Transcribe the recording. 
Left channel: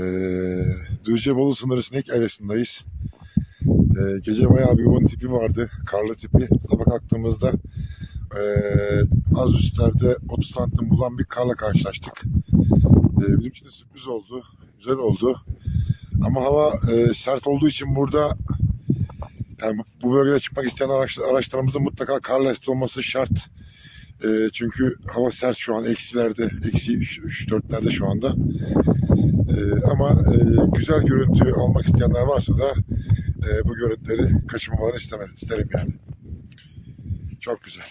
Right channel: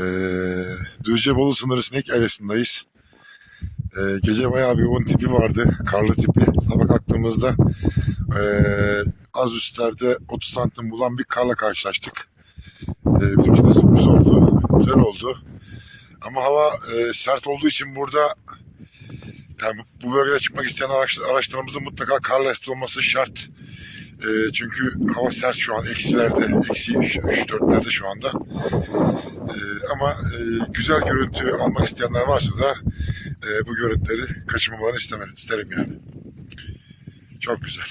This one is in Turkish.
Ee, Düzce Bolu sınırı sinek arasındayız. Ee, gece bayağı bir yoğun tipi vardı. Karlı tipi. Sabah kalktığımızda ee, az üstlerde 30 santim bulan bir karla karşılaştık. Ee, bizim için de sürpriz oldu. Güzel oldu. Ama hava ee, sert olduğu için burada yani bu bölgede çıkmak isteyen araç, araçlarımızın mutlaka kar lastiği olması şart. Ee, çünkü hava sert şu an eksilerde, eksi 3-4'lerde şu anda. Ee, ama e, güzel görüntü almak isteyenler varsa da e, bu görüntüleri kaçırmamalarını istemem, isterim yani. Çok güzel.